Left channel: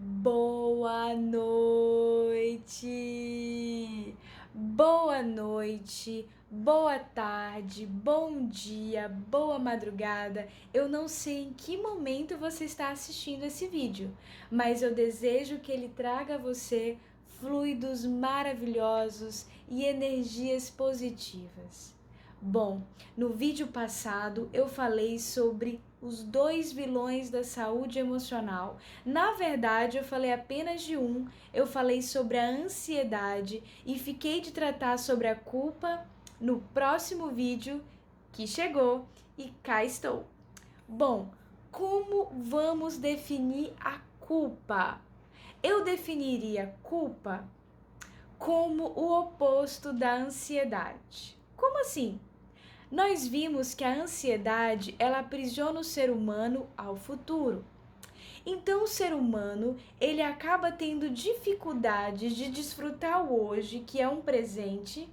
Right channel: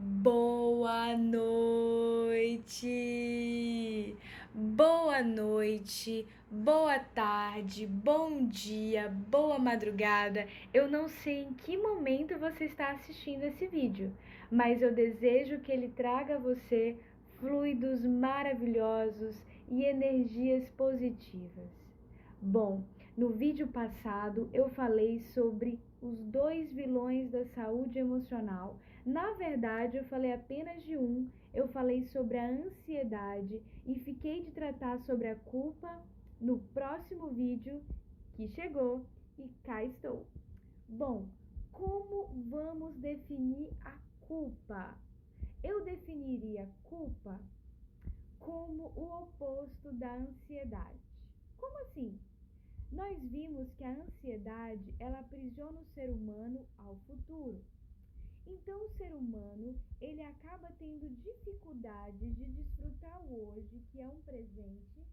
Boa noite! Boa noite, boa tarde, bom dia, boa madrugada. Eu não sei em que momento você está assistindo esse vídeo, mas eu desejo que ele traga a você fluidos maravilhosos e energias positivas. Bom, no vídeo passado eu falei sobre os dois vilões da saúde emocional. Na verdade, eu falei apenas de um, eu falei sobre a ansiedade e fiquei de tratar sobre a culpa no próximo vídeo que chegou e cá estou. Bom, como vamos definir a culpa? Eu definiria culpa como o oposto da ansiedade. Como assim? Nós vimos que a ansiedade, ela aprisiona o ser humano ao futuro. Então o ser humano, ele acaba tendo dificuldades de desfrutar o hoje, que é um presente,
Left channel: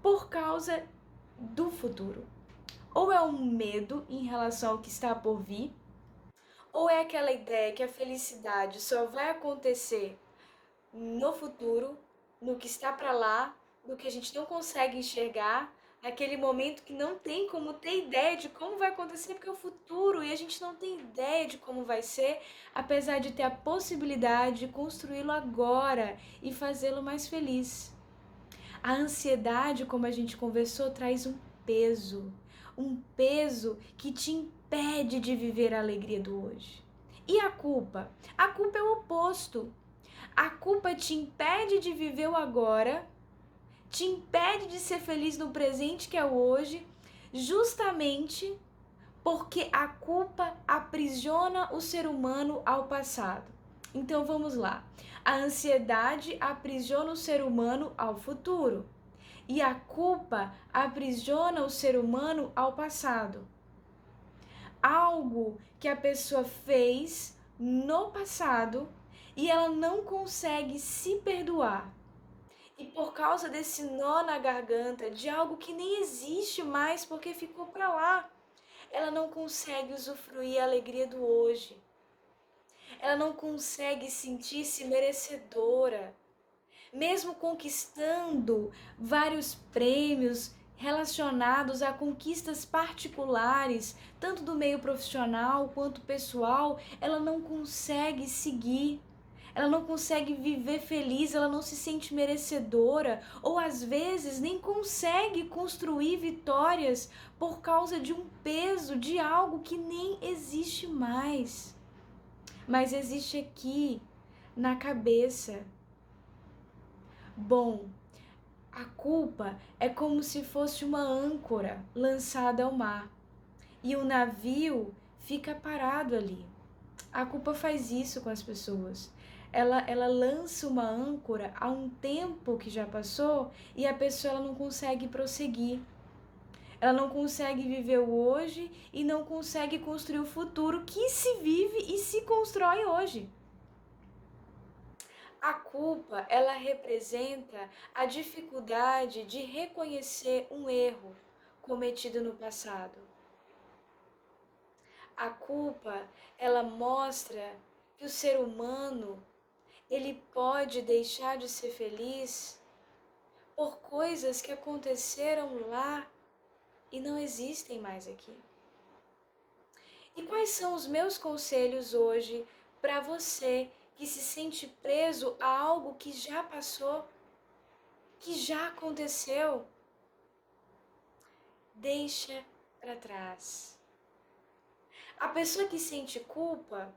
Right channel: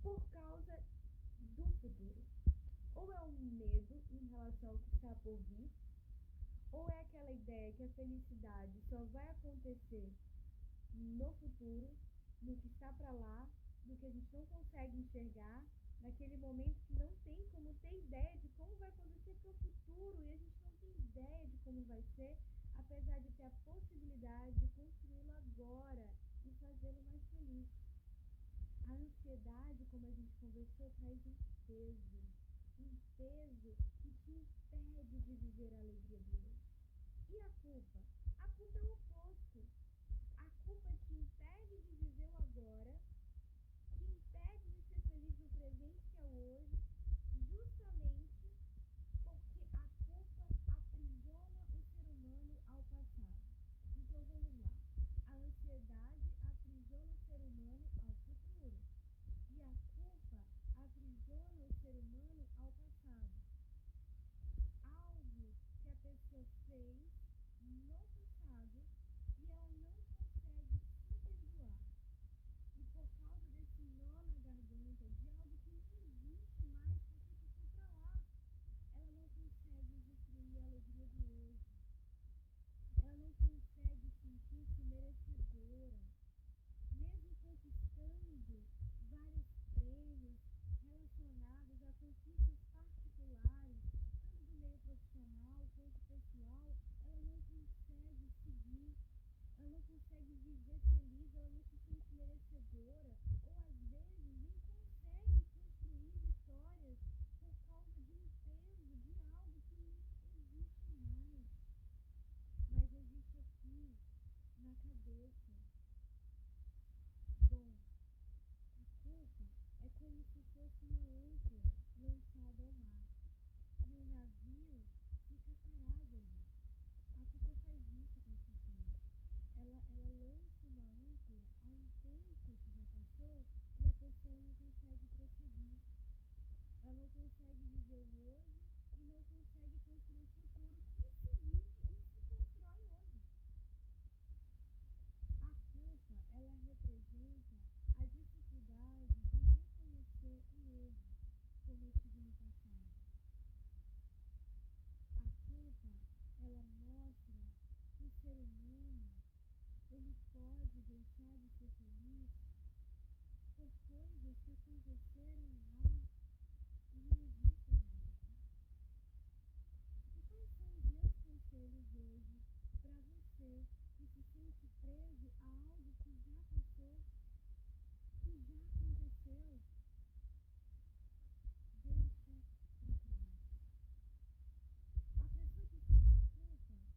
por causa do futuro. Ou é um medo em relação ao que está por vir, ou é aquela ideia que a felicidade só vai acontecer no futuro, no que está para lá, no que a gente não consegue enxergar, naquele momento que não tem como ter ideia de como vai acontecer, porque é o futuro e a gente não tem ideia de como vai ser, apesar de ter a possibilidade de construí-lo agora e fazê-lo mais feliz. A ansiedade, como a gente conversou, traz um peso que te impede de viver a alegria do hoje. E a culpa? A culpa é o oposto. A culpa te impede de viver o agora, te impede de ser feliz no presente que é o hoje, justamente porque a culpa aprisiona o ser humano ao passado. Então vamos lá. A ansiedade aprisiona o ser humano ao futuro e a culpa aprisiona o ser humano ao passado. Algo que a pessoa fez no passado e ela não consegue se perdoar. E por causa desse nó na garganta de algo que nem existe mais porque ficou para lá, ela não consegue usufruir a alegria do hoje. Ela não consegue sentir-se merecedora. Mesmo conquistando vários prêmios relacionados a conquistas particulares, tanto do meio profissional quanto pessoal, ela não consegue seguir. Ela não consegue viver feliz, ela não se sente merecedora, ou às vezes nem consegue construir vitórias por causa de um peso de algo que nem existe mais, mas existe aqui na cabeça. Bom, a culpa é como se fosse uma âncora lançada ao mar e o navio fica parado ali. A culpa faz isso com as pessoas. Ela lança uma âncora a um tempo que já passou e a pessoa ela não consegue prosseguir. Ela não consegue viver o hoje e não consegue construir o futuro que se vive e se constrói hoje. A culpa, ela representa a dificuldade de reconhecer um erro cometido no passado. A culpa, ela mostra que o ser humano, ele pode deixar de ser feliz por coisas que aconteceram lá e não existem mais aqui. E quais são os meus conselhos hoje para você que se sente preso a algo que já passou, que já aconteceu? Deixa para trás. A pessoa que sente culpa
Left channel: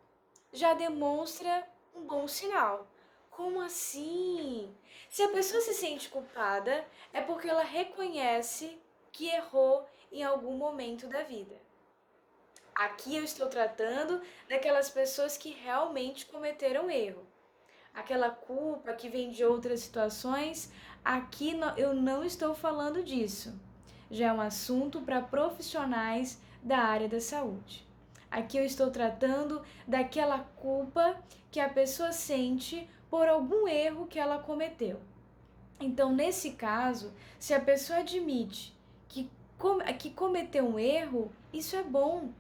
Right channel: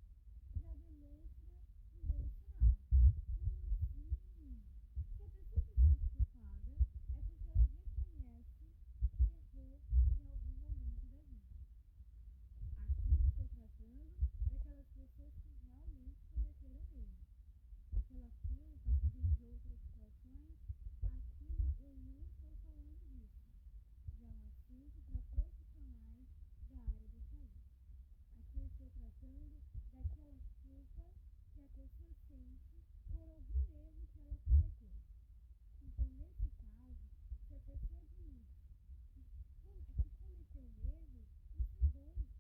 já demonstra um bom sinal. Como assim? Se a pessoa se sente culpada, é porque ela reconhece que errou em algum momento da vida. Aqui eu estou tratando daquelas pessoas que realmente cometeram erro. Aquela culpa que vem de outras situações, aqui eu não estou falando disso. Já é um assunto para profissionais da área da saúde. Aqui eu estou tratando daquela culpa que a pessoa sente por algum erro que ela cometeu. Então, nesse caso, se a pessoa admite que cometeu um erro, isso é bom.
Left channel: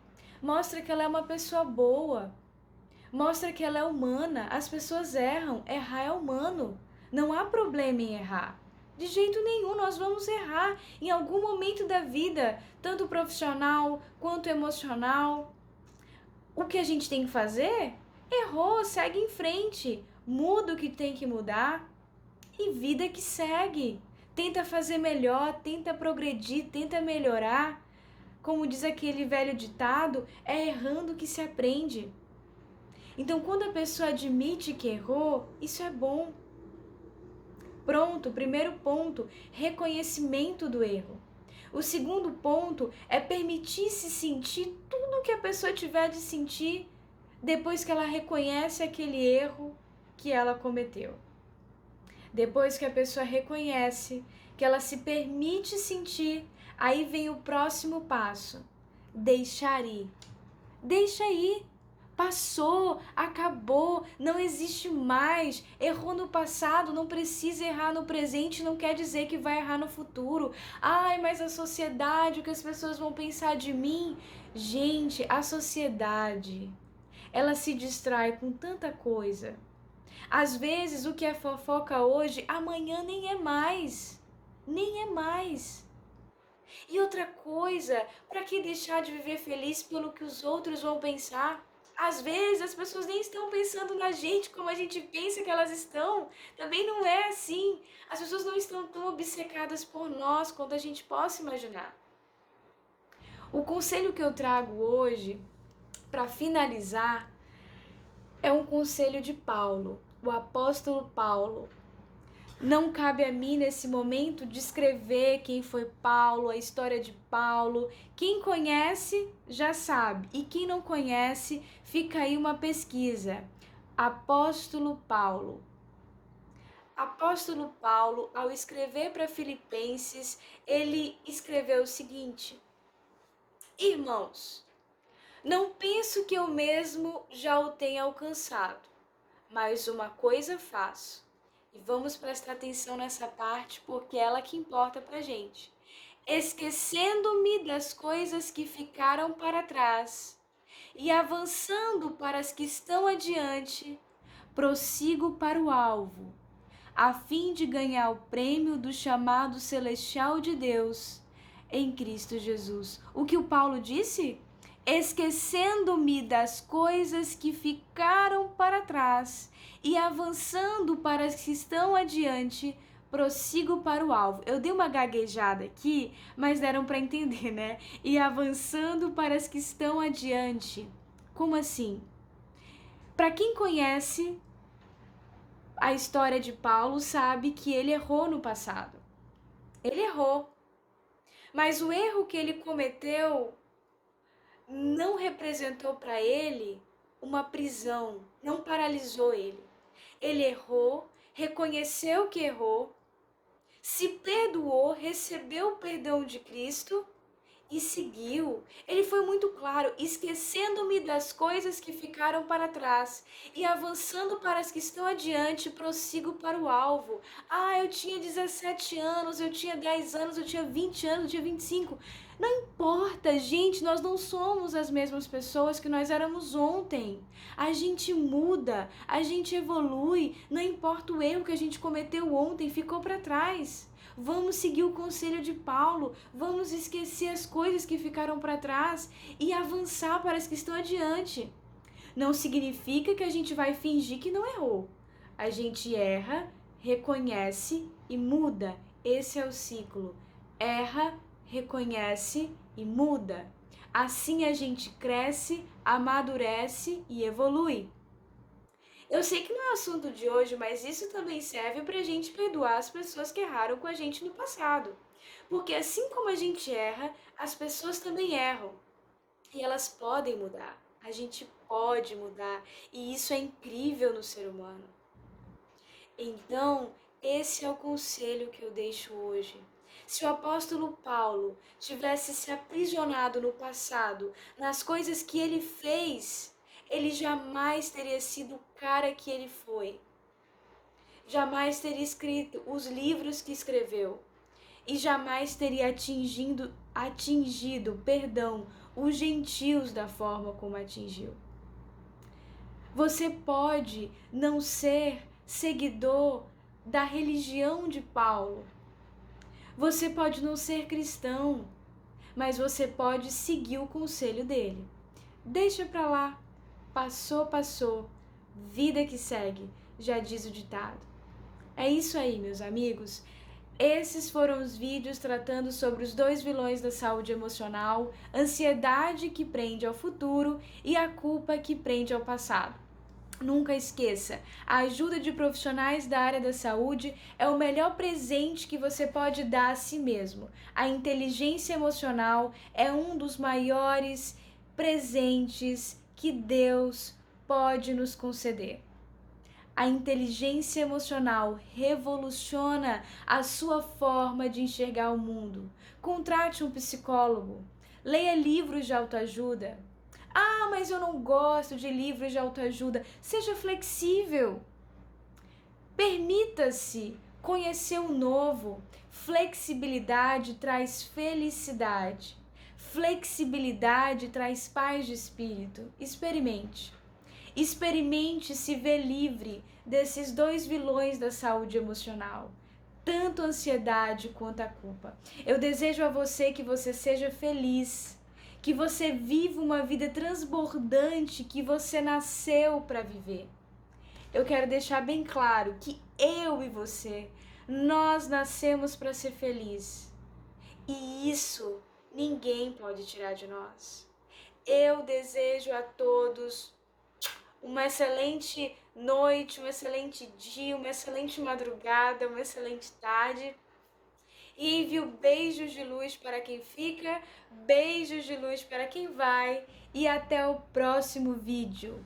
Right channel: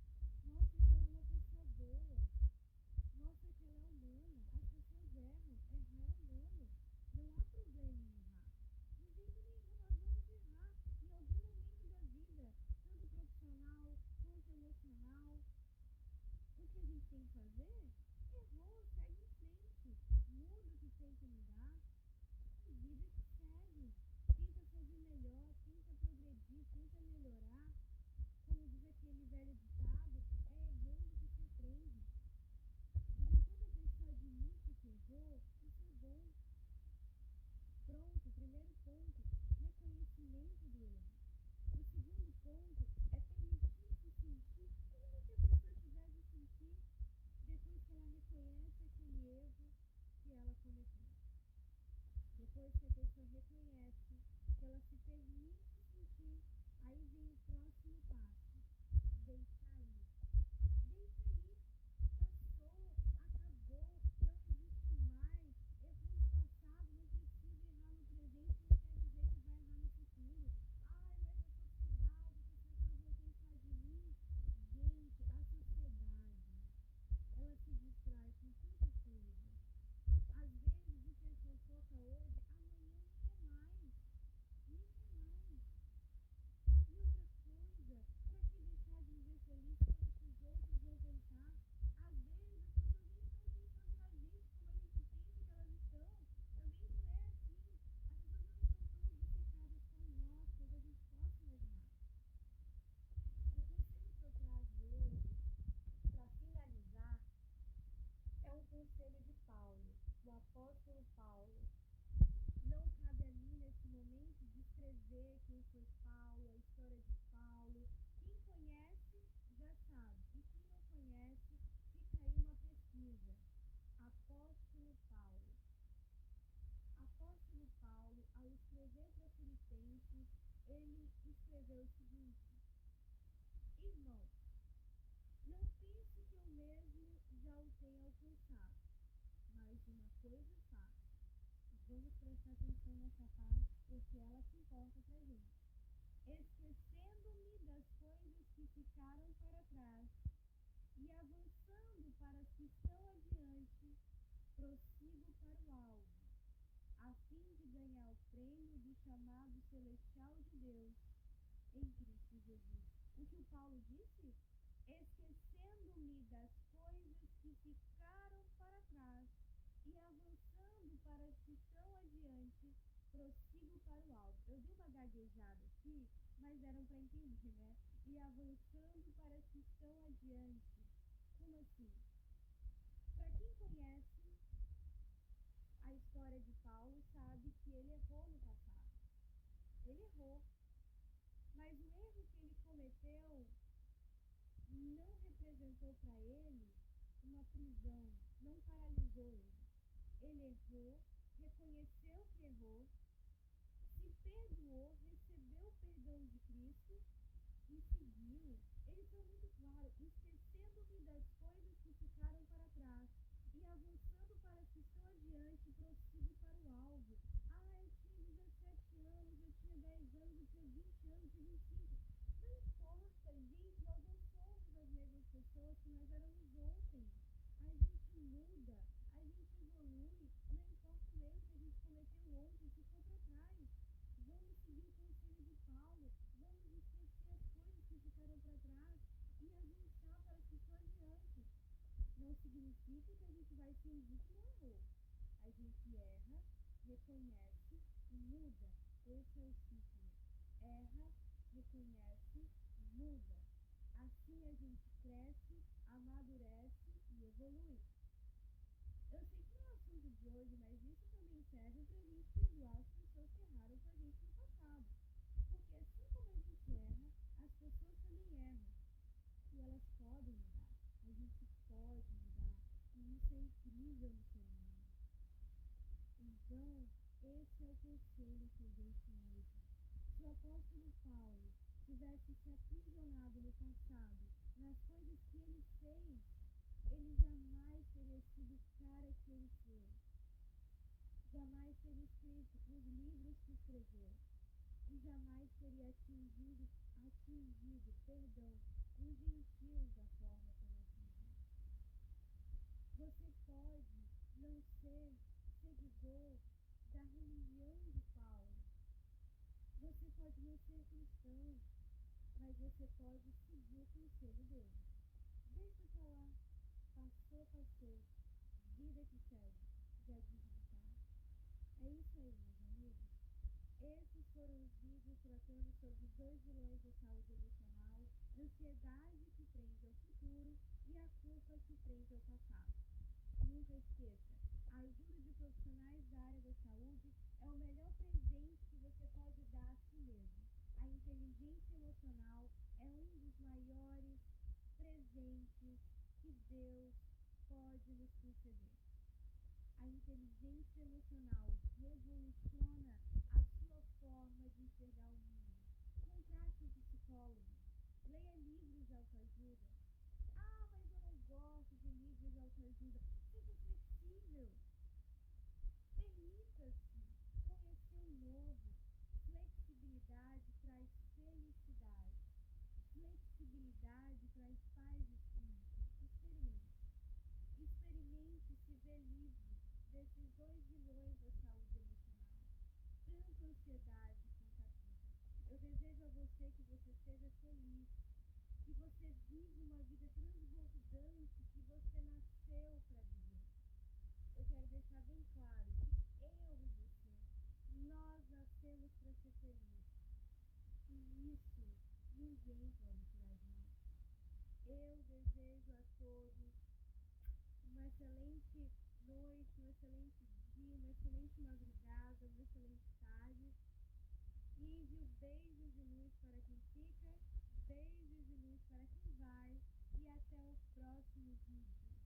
Mostra que ela é uma pessoa boa. Mostra que ela é humana, as pessoas erram, errar é humano. Não há problema em errar. De jeito nenhum, nós vamos errar em algum momento da vida, tanto profissional quanto emocional. O que a gente tem que fazer? Errou, segue em frente, muda o que tem que mudar e vida que segue. Tenta fazer melhor, tenta progredir, tenta melhorar. Como diz aquele velho ditado, é errando que se aprende. Então, quando a pessoa admite que errou, isso é bom. Pronto, primeiro ponto, reconhecimento do erro. O segundo ponto é permitir-se sentir tudo o que a pessoa tiver de sentir depois que ela reconhece aquele erro que ela cometeu. Depois que a pessoa reconhece, que ela se permite sentir, aí vem o próximo passo: deixar ir. Deixa ir. Passou, acabou, não existe mais. Errou no passado, não precisa errar no presente, não quer dizer que vai errar no futuro. Ai, mas a sociedade, o que as pessoas vão pensar de mim? Gente, a sociedade, ela se distrai com tanta coisa. Às vezes o que é fofoca hoje, amanhã nem é mais. Nem é mais. E outra coisa, para que deixar de viver feliz pelo que os outros vão pensar? Às vezes as pessoas nem estão pensando na gente como a gente pensa que elas estão. Também não é assim. As pessoas não estão tão obcecadas por nós quanto a gente possa imaginar. O conselho que eu trago hoje, para finalizar, é um conselho de Paulo, o apóstolo Paulo. Não cabe a mim nesse momento descrever quem foi Paulo, a história de Paulo. Quem conhece já sabe, e quem não conhece, fica aí uma pesquisa. Apóstolo Paulo. Apóstolo Paulo, ao escrever para Filipenses, ele escreveu o seguinte: Irmãos, não penso que eu mesmo já o tenha alcançado, mas uma coisa faço. E vamos prestar atenção nessa parte porque é ela que importa pra gente. Esquecendo-me das coisas que ficaram para trás e avançando para as que estão adiante, prossigo para o alvo, a fim de ganhar o prêmio do chamado celestial de Deus em Cristo Jesus. O que o Paulo disse? Esquecendo-me das coisas que ficaram para trás e avançando para as que estão adiante, prossigo para o alvo. Eu dei uma gaguejada aqui, mas deram para entender, né? E avançando para as que estão adiante. Como assim? Para quem conhece a história de Paulo, sabe que ele errou no passado. Ele errou. Mas o erro que ele cometeu não representou para ele uma prisão, não paralisou ele. Ele errou, reconheceu que errou, se perdoou, recebeu o perdão de Cristo e seguiu. Ele foi muito claro: esquecendo-me das coisas que ficaram para trás e avançando para as que estão adiante, prossigo para o alvo. Ah, eu tinha 17 anos, eu tinha 10 anos, eu tinha 20 anos, eu tinha 25. Não importa, gente, nós não somos as mesmas pessoas que nós éramos ontem. A gente muda, a gente evolui, não importa o erro que a gente cometeu ontem, ficou para trás. Vamos seguir o conselho de Paulo, vamos esquecer as coisas que ficaram para trás e avançar para as que estão adiante. Não significa que a gente vai fingir que não errou. A gente erra, reconhece e muda. Esse é o ciclo. Erra, reconhece e muda. Assim a gente cresce, amadurece e evolui. Eu sei que não é o assunto de hoje, mas isso também serve para a gente perdoar as pessoas que erraram com a gente no passado. Porque assim como a gente erra, as pessoas também erram. E elas podem mudar. A gente pode mudar. E isso é incrível no ser humano. Então, esse é o conselho que eu deixo hoje. Se o apóstolo Paulo tivesse se aprisionado no passado, nas coisas que ele fez, ele jamais teria sido o cara que ele foi. Jamais teria escrito os livros que escreveu. E jamais teria atingido, os gentios da forma como atingiu. Você pode não ser seguidor da religião de Paulo. Você pode não ser cristão, mas você pode seguir o conselho dele. Deixa pra lá. Passou, passou. Vida que segue, já diz o ditado. É isso aí, meus amigos. Esses foram os vídeos tratando sobre os 2 vilões da saúde emocional, ansiedade que prende ao futuro e a culpa que prende ao passado. Nunca esqueça, a ajuda de profissionais da área da saúde é o melhor presente que você pode dar a si mesmo. A inteligência emocional é um dos maiores presentes que Deus pode nos conceder. A inteligência emocional revoluciona a sua forma de enxergar o mundo. Contrate um psicólogo. Leia livros de autoajuda. Ah, mas eu não gosto de livros de autoajuda. Seja flexível. Permita-se conhecer o novo. Flexibilidade traz felicidade. Flexibilidade traz paz de espírito. Experimente. Experimente se ver livre desses 2 vilões da saúde emocional, tanto a ansiedade quanto a culpa. Eu desejo a você que você seja feliz, que você viva uma vida transbordante que você nasceu para viver. Eu quero deixar bem claro que eu e você, nós nascemos para ser felizes. E isso ninguém pode tirar de nós. Eu desejo a todos uma excelente noite, um excelente dia, uma excelente madrugada, uma excelente tarde. E envio beijos de luz para quem fica, beijos de luz para quem vai e até o próximo vídeo.